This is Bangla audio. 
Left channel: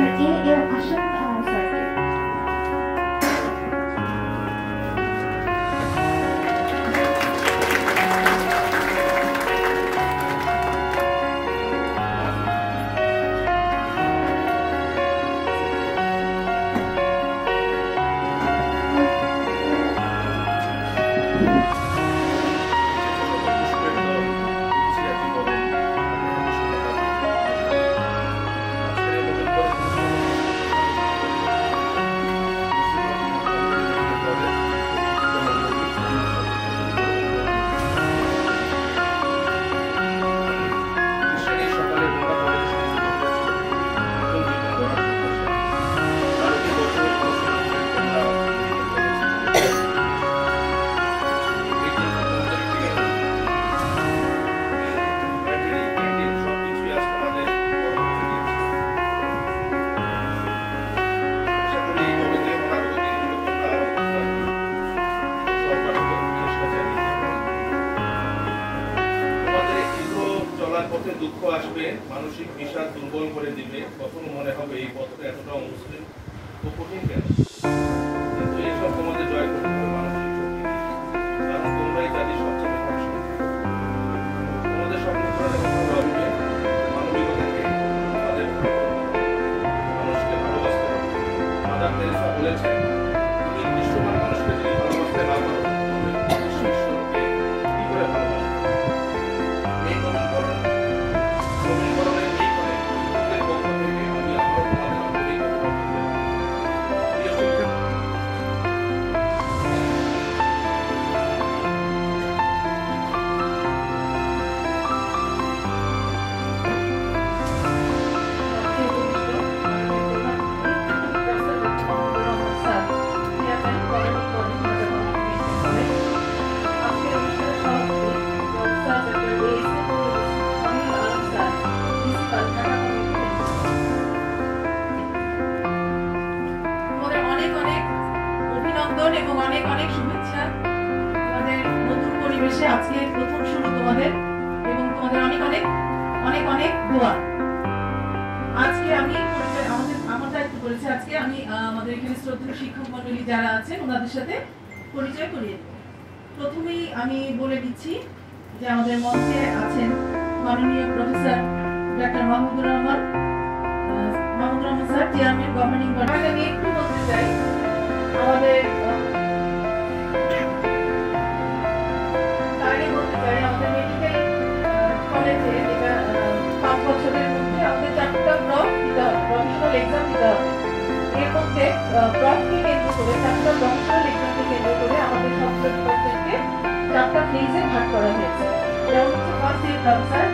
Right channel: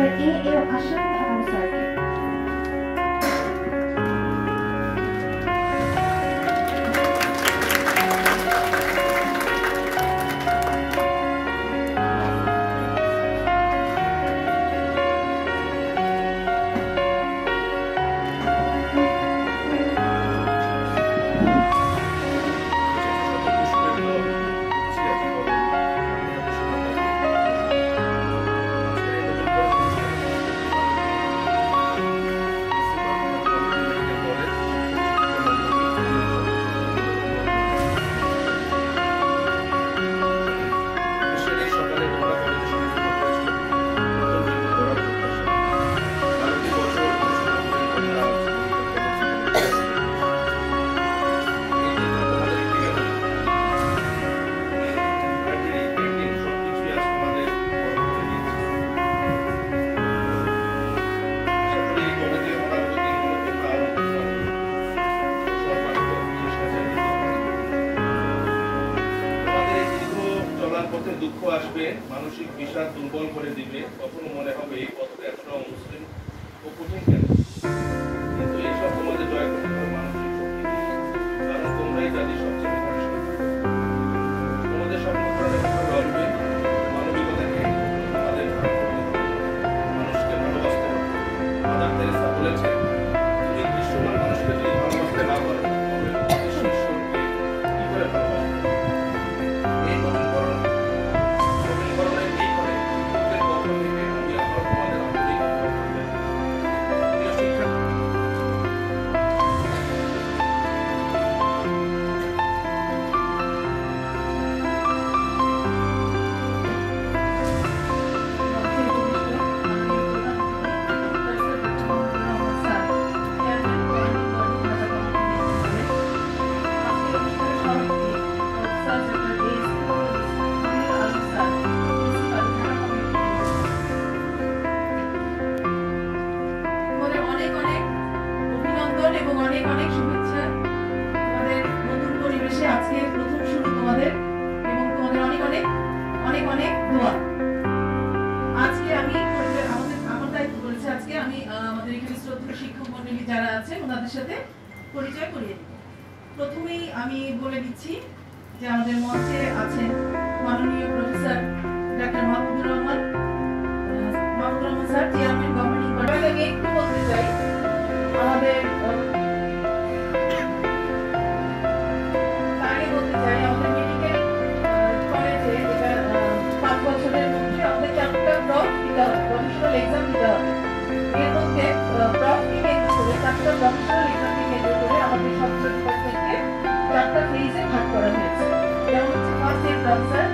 এর আশান স্যারকে। দুঃখ আসবে, মানসিক বিষাদ দুর্বল করে দিবে, তখন মনে হবে এই পথটা এতটা অমুসলিম ও কঠিন কেন। কিন্তু এইসব তোমাদের জয় করতে হবে মানসিক শক্তি দিয়ে, কারণ তোমরাই জাতির সবচেয়ে ভরসা। তোমাদের সামনে আসবে মানবিকতা নেই, তাদের মানুষকে ভালোবাসতে হবে। মাদার তেরেসা বলেছেন, তুমি দৃশ্যমান মানুষকে যদি ভালোবাসতে না পারো, ঈশ্বরকে কি করে ভালোবাসবে? এবং অনেক অনেক শুভেচ্ছা তোমাদের নতুন পরিবেশে। আজকে প্রথম শুরু তোমাদের, এবং তোমাদের অনেক অনেক অনেক অনেক দোয়া। আজকে আমি আমার দায়িত্ব করেছি, আজকে আমি আমাদের এখানে শ্রদ্ধেয় শিক্ষক মণ্ডলী যারা আছেন ওনাদের সাথে পরিচয় করিয়ে দেব। প্রথমেই আমি বলে দিচ্ছি যে আমাদের মঞ্চে আছেন মাননীয় professor doctor Mahmudur Rahman sir, chairman governing body. আমি একটু বলতে চাই আমাদের মেডিকেল কলেজে 5 বছরের মধ্যে আমাদের 4টা ব্লক দিতে হবে, প্রফেশনাল এক্সাম দিতে হবে। এর মধ্যে ব্লককে কেন্দ্র করে 4টা প্রফেশনাল এক্সামকে কেন্দ্র করে আমাদের ছাত্র ডিপার্টমেন্টকে 4টা ফেজে ভাগ করা হয়েছে। যেমন হচ্ছে ফার্স্ট ইয়ার কাউন্সার,